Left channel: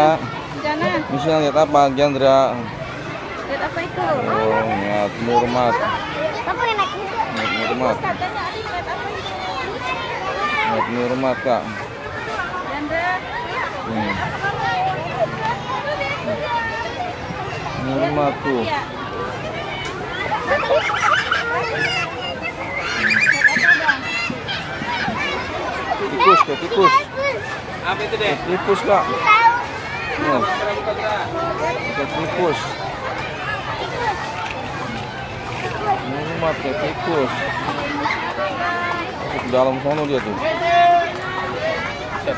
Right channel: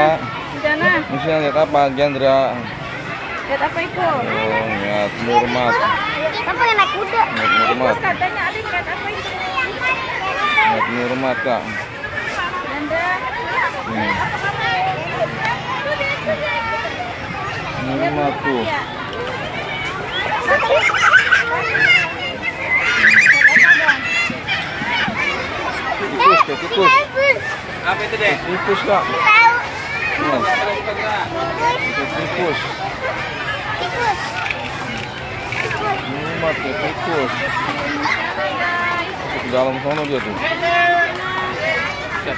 Cana. Sana. Misalnya lihat apa, Gendra? Lihat apa itu? Oh, lihat Murmat. Papa yang naik kuda. Lihat Murmat. Katanya Adik lihat apa itu? Lihat Murmat, Kak. Anda. Murmat tuh. Tikus, kayak tikus. Apa itu deh? Tikus, Kak. Oh. Kayak tikus. Murmat kayak tikus. Masuk ke dalam sono dia tuh.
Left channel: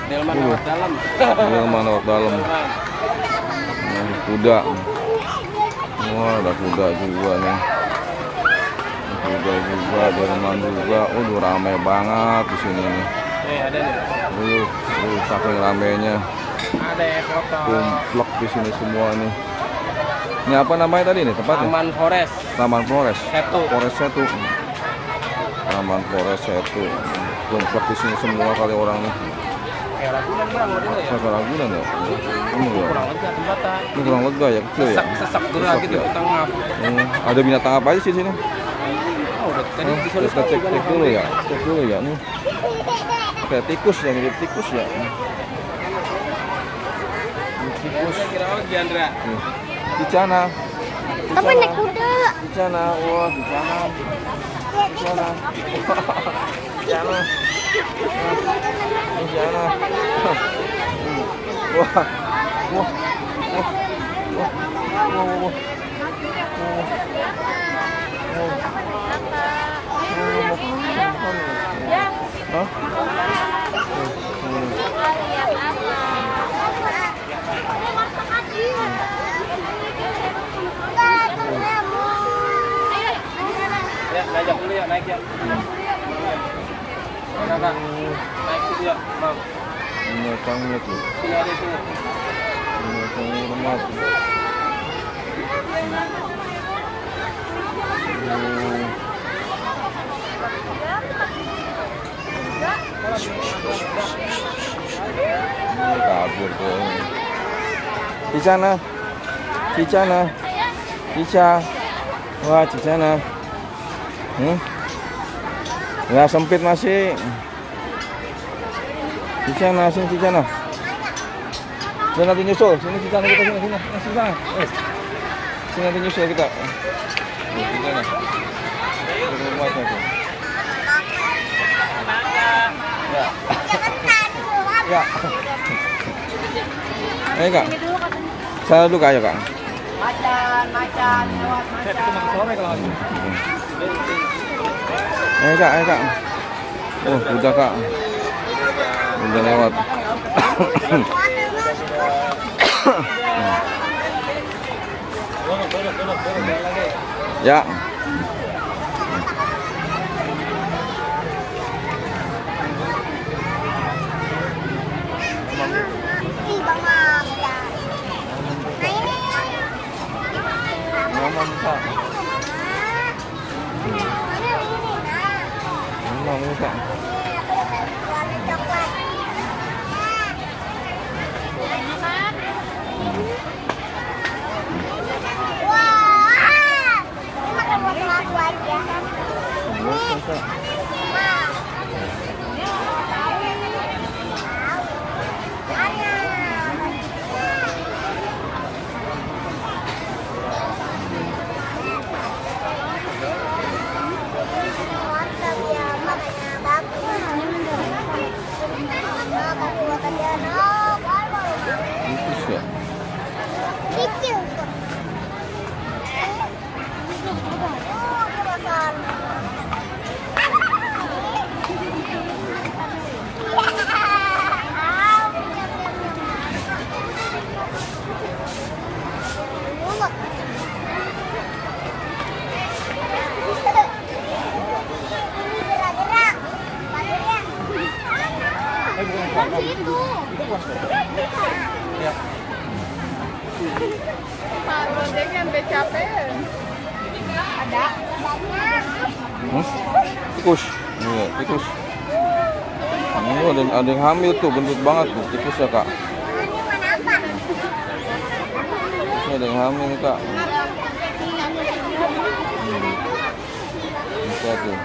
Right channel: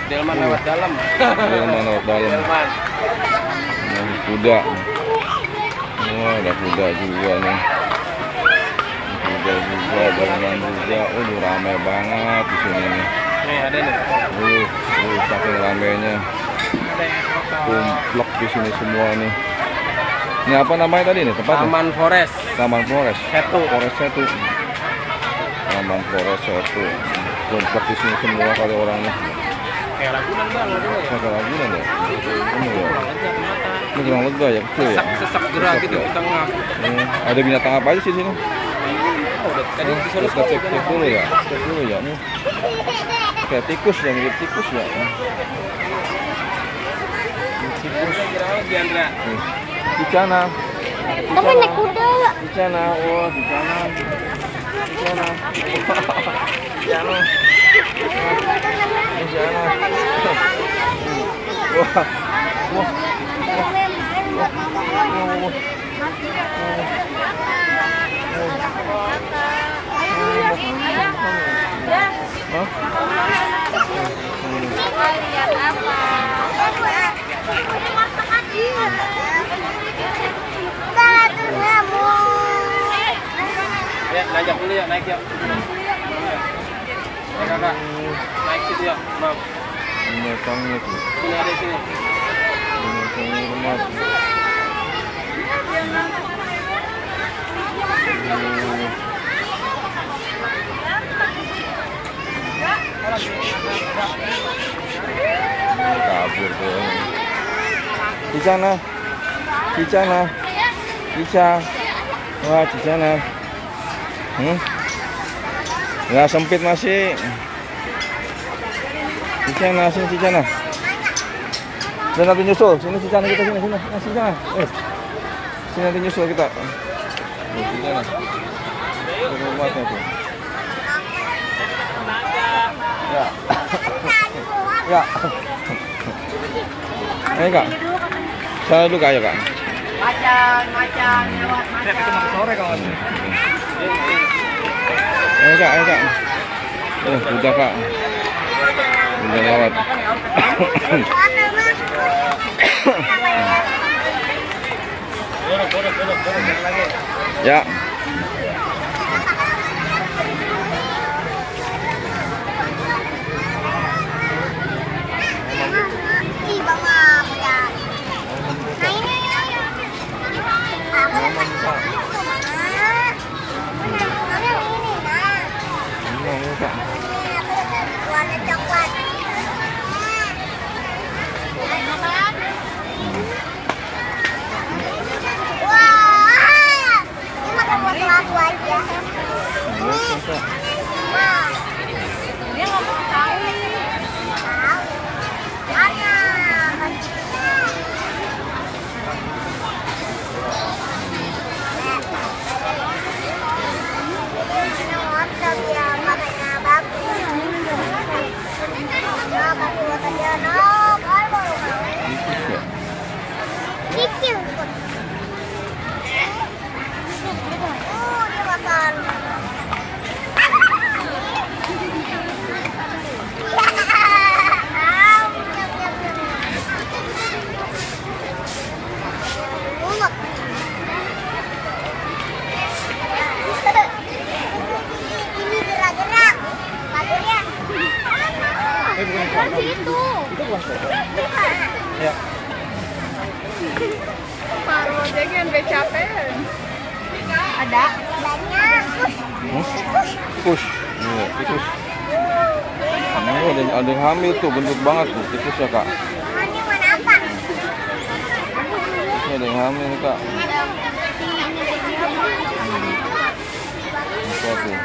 Delman lewat dalam. Delman lewat dalam. Oh, kuda. Wah, ada kuda juga nih. Kuda juga, delman juga. Udah rame banget di sini nih. Nih ada nih. Saking ramenya. Ada ya foto. Kumplek di sini semua nih. Ini apa namanya tadi nih tempatnya? Taman Forest. Taman Flores. Setu. Flores Setu. Taman Flores Setu. Kumplek di sini semua kali orang nih. Kayak Ragunan bang, modelnya ya. Saya Ragunan ya. Ini ya. Ini kurang lega ya, kecil ya. Sesak Sesak gerak gitu ya. di tengah. Ada binatang apa aja sih di sini? Tadi disuruh Kita cek dulu ya. Cek dulu ya nih. Kayak tikus ya, mirip tikus ya. Tikus. Diandra. Nih. Cicana. Papa naik kuda. Cicana. Wah, Cicana. Cicana. Cicana. Cicana. Wah. Wah. Wah. Wah. Wah. Wah. Hah? Ya, ngajak dulu ya, naik ya. Nah, naik situ ya. Nah, Binatangnya tuh. sini ada sini. Binatang Murmat. Ini kabur tuh. Cicana. Cicana. Cica. Wah, Cicana. Nggak sempit masih. Cicana, sini Cicana. Dan nanti nyusul, sini Cicana kita sini, sini, Cicana. Sini nanti nyusul kita. Cicana. Itu rumahnya tuh. Ya. Ya. Ayo Kak. Saya dulu Kak, ayo Kak. Macan lewat macan. Sore kalau Ayo Kak, ayo Kak. Oh, udah Kak. Udah lewat. Ya. Ih, Bang Mam, ya. Nah, ini. Aman Kak. Aman Kak. Warna coklat. Wah, ini makan wortel aku aja. Iya Kak. Wah. Ada. Ini wortel ya, makanya bagus. Ya, kasih lihat dia, no. Tikus ya. Kecil. Makan. Ini gerak-gerak. Badannya. Bukan situ. Ya. Kalau dia kan capek. Ada. Tikus. Iya, tikus. Ini ada yang hamil tuh, gendut banget tuh tikus ya Kak. Ini mana apa? Ini ada yang hamil kak. Apa tuh?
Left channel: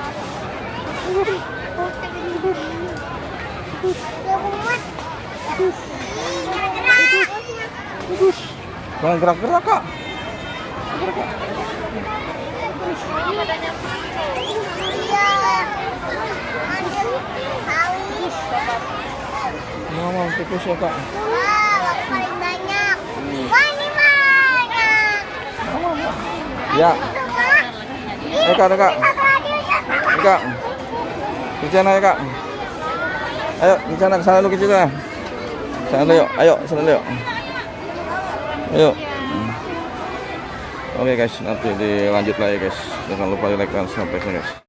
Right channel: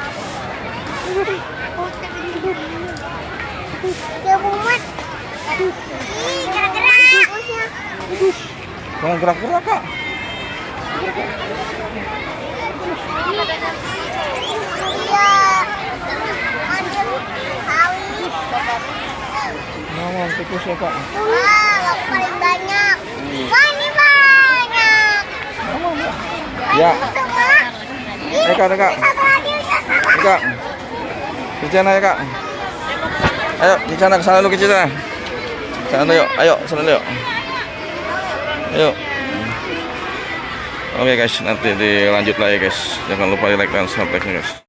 Jangan gerak-gerak kak. Iya. Ambil kawis. Mama tikus ya kak. Wah, paling banyak. Wah, ini banyak. Mama mbak. Ya. Kak, kak. Kak. Di sana ya kak. Ayo di sana ke sana dulu ke sana. Sana yuk. Ayo sana yuk. Ayo. Oke guys, nanti dilanjut lagi guys. Jangan lupa di like dan subscribe guys.